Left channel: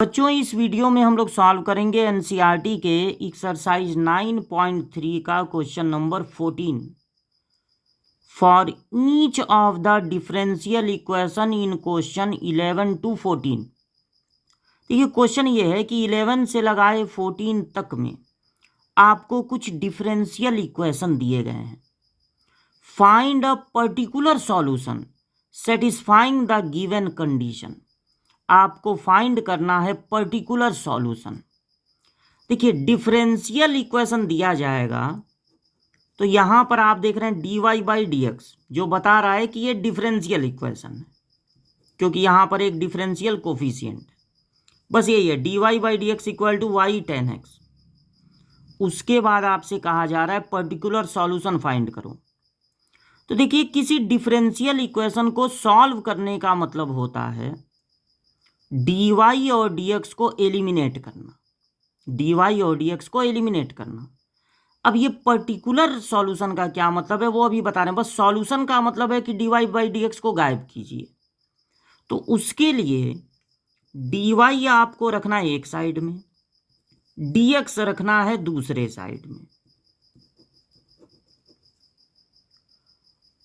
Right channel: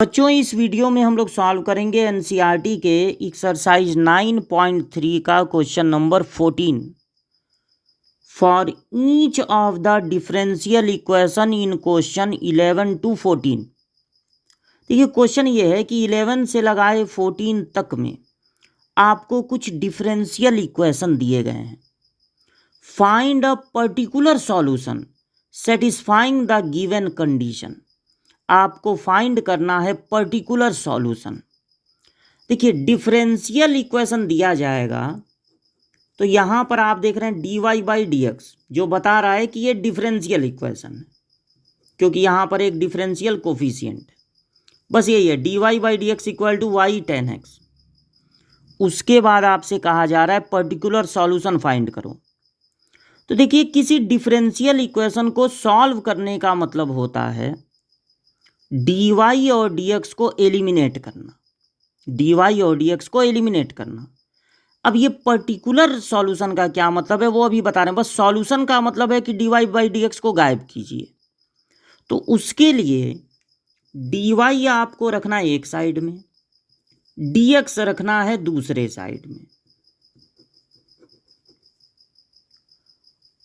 बच्चों, इस वीडियो में हम लोग सॉल्व करेंगे एनसीईआरटी के एक्सरसाइज 9.3 का question number 14 for each of the differential equation in question 11 to 14। देखिए, क्वेश्चन ये है कि 11 से लगाए 14 तक में आपको कुछ डिफरेंशियल इक्वेशन दिए गए हैं। Find a particular solution satisfying the given condition. आपको फाइंड करना है पर्टिकुलर सॉल्यूशन। देखिए, डिफरेंशियल इक्वेशन दिया जाएगा तो यहाँ पर आप देख रहे हैं dy/dx जो बता रहा है कि ये डिफरेंशियल इक्वेशन है, क्योंकि यहाँ पर एक डिफरेंशियल कोफिशिएंट है। बस यही है, dy/dx equal to y tan x। उसके बाद आपसे कहा जा रहा है पर्टिकुलर सॉल्यूशन फाइंड करो। तो देखिए, किसी डिफरेंशियल इक्वेशन को सॉल्व करने का मतलब होता है dy और dx को एलिमिनेट करना। dy और dx को एलिमिनेट करना। अब ये पर्टिकुलर सॉल्यूशन का क्या मतलब है वो अभी बता रहे हैं। बस सॉल्यूशन का मतलब है कि dy/dx को गायब कीजिए। तो उसके लिए dy आपको रखना है एक साइड में, dx रखना है दूसरे साइड में।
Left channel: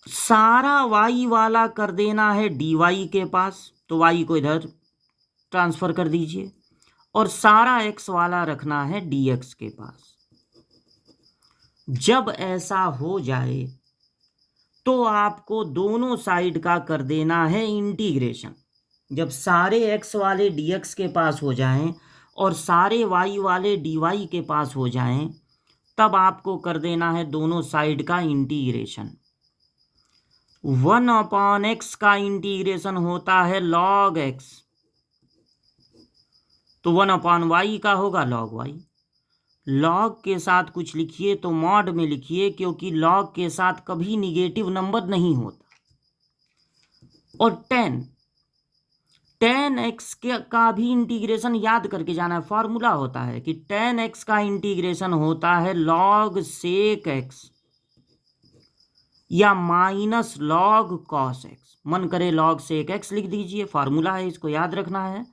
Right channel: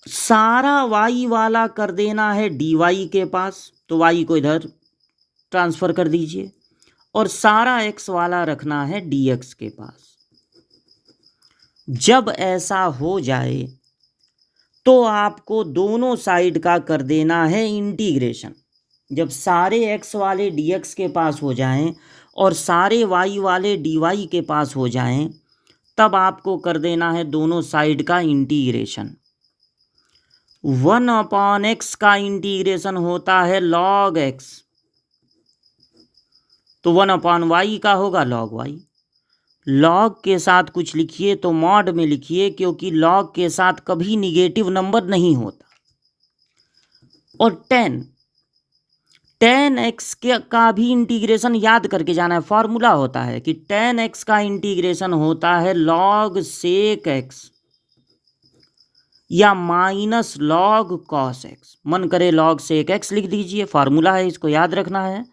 सारा y वाला कर देना है dy के पास, तो y को इधर ट्रांसफर कर दीजिए, और सारा x वाला रखना है dx के पास। जब ऐसा हो जाए तो आपको दोनों साइड का कर देना है इंटीग्रेशन। जब सारे x वाले dx के पास हो जाएं और सारे y वाले dy के पास हो जाएं, तब आपको कर देना है दोनों साइड का इंटीग्रेशन। 1/x का इंटीग्रेशन होता है log x, तो 1/y का होगा log y। लॉग के साथ कुछ लिखिए तो मॉड में लिखिए, क्योंकि लॉग के साथ कभी निगेटिव नंबर नहीं होता। और tan x का भी इंटीग्रेशन याद करके जाना है। फॉर्मूला होता है कि tan x का इंटीग्रेशन होता है log sec x या माइनस log cos x। मन करे log sec x लिख दीजिए, फार्मूला है, इसको याद रखना है,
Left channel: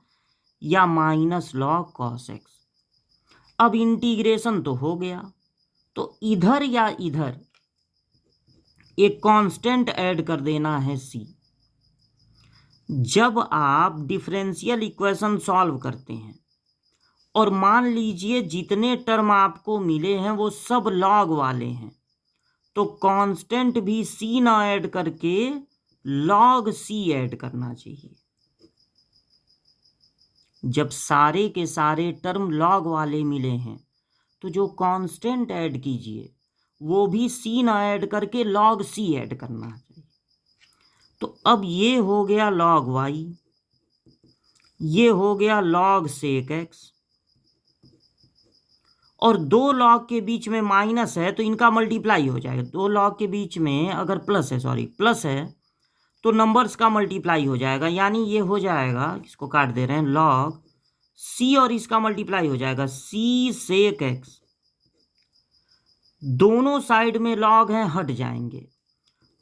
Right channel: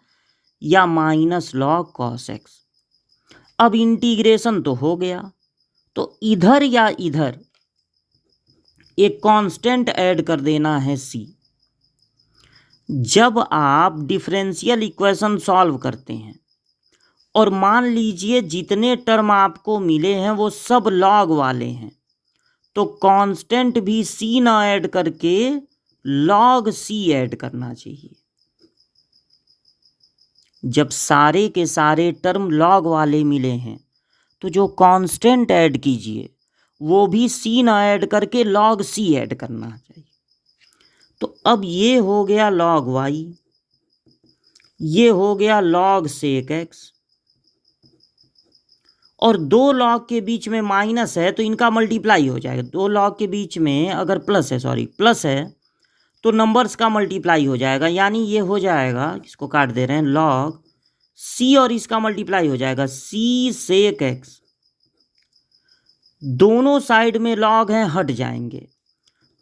या माइनस log cos x। अब इंटीग्रेशन तो हो गया, तो इधर या इधर एक कांस्टेंट ऐड कर देना है c। जब आप डिफरेंशियल इक्वेशन सॉल्व करते हैं और मान लीजिए जितने टर्म आपको मिले हैं वो सब लॉग वाले हैं, तो कांस्टेंट भी c ना ऐड करके log c ऐड करना चाहिए। जब सारे के सारे टर्म लॉग वाले मिले हैं तो जो कांस्टेंट ऐड कीजिए वो भी c ना ऐड करके log c ऐड करना चाहिए। तो अब ये हो गया log y, ये हो गया log sec x, और दो लॉग के बीच में माइनस है तो इनका मल्टीप्लाई हो जाएगा। दो लॉग के बीच में अगर प्लस है तो नंबर्स का मल्टीप्लाई हो जाएगा, यानी ये हो जाएगा, इसको काट दे रहे हैं, log c और इसका मल्टीप्लाई हो जाएगा c sec x। दोनों साइड में लॉग हैं, हट जाएंगे,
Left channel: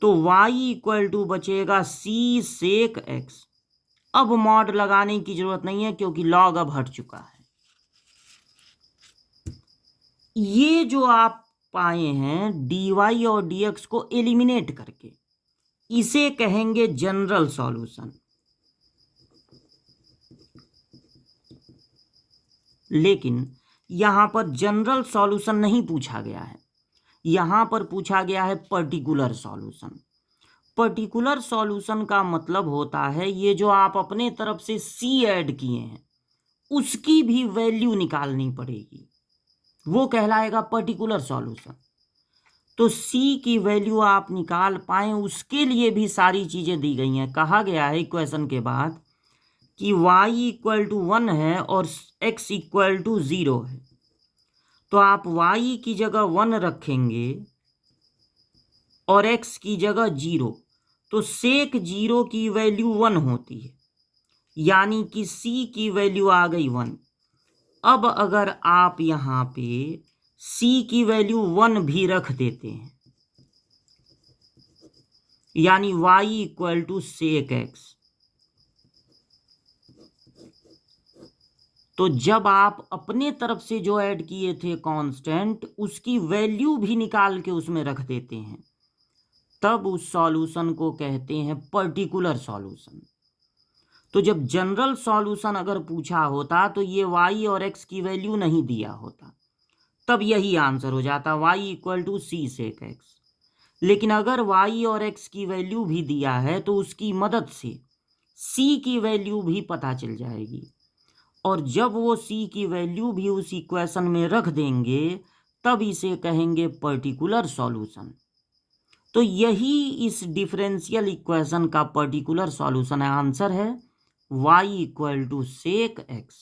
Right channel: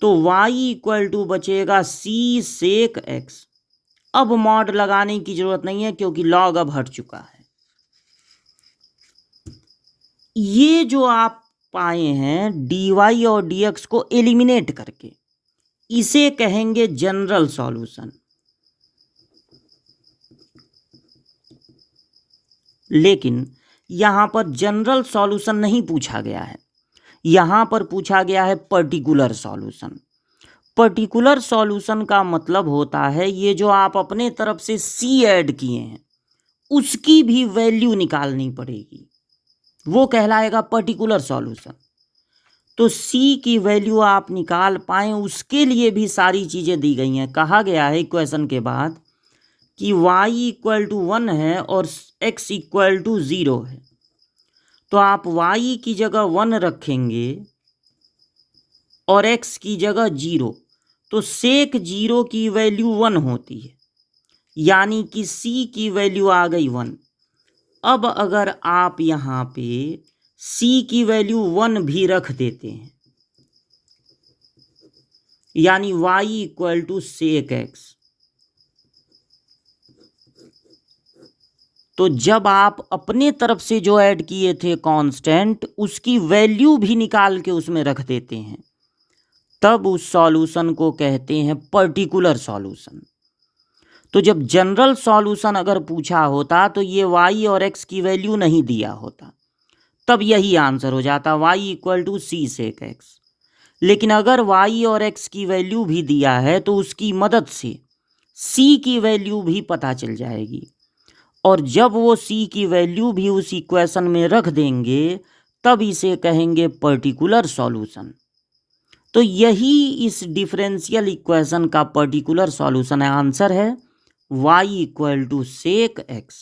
तो y इक्वल टू बचेगा c sec x। अब मॉड लगाने की जरूरत नहीं है क्योंकि लॉग अब हट चुका है। ये जो आप पाए हैं dy और dx को एलिमिनेट करके, इसे कहेंगे जनरल सॉल्यूशन। लेकिन यहां पर जनरल सॉल्यूशन नहीं पूछा गया है, यहां पर पूछा गया है पर्टिकुलर सॉल्यूशन। पर्टिकुलर सॉल्यूशन का मतलब होता है ये जो आप अपने तरफ से c ऐड किए हैं उसकी भी वैल्यू निकालनी पड़ेगी, वो कहलाएगा पर्टिकुलर सॉल्यूशन। तो c की वैल्यू आप निकाल पाएं उसके लिए भी सारी चीज़ें दी गई हैं। कहा गया है इक्वेशन के बाद कि y इक्वल टू 1 है और x इक्वल टू 0 है, तो आप y की जगह 1 रखेंगे और x की जगह 0, तो sec 0 की वैल्यू 1 होती है, यानी कि c की वैल्यू आ गई 1। अब अगर आप यहाँ पे c की वैल्यू 1 भी रख देते हैं, यानी y equal to sec x, तो जब आप अपने तरफ से जो ऐड किए थे कांस्टेंट, उसकी वैल्यू भी निकाल के उसमें रख देते हैं, तब उस सॉल्यूशन को कहते हैं पर्टिकुलर सॉल्यूशन। तो जब जनरल सॉल्यूशन अगर पूछा होता तो ये y और x की वैल्यू नहीं दिया होता, तब यही आंसर हो जाता y equal to C sec x। लेकिन अगर y और x की वैल्यू भी दिया है तो उसकी मदद से c की वैल्यू भी पता चल जाएगी, और जब वो c की वैल्यू भी उस इक्वेशन में रख देंगे तब इसे कहेंगे पर्टिकुलर सॉल्यूशन। तो यही इस डिफरेंशियल इक्वेशन का पर्टिकुलर सॉल्यूशन है। आंसर है y equal to sec x।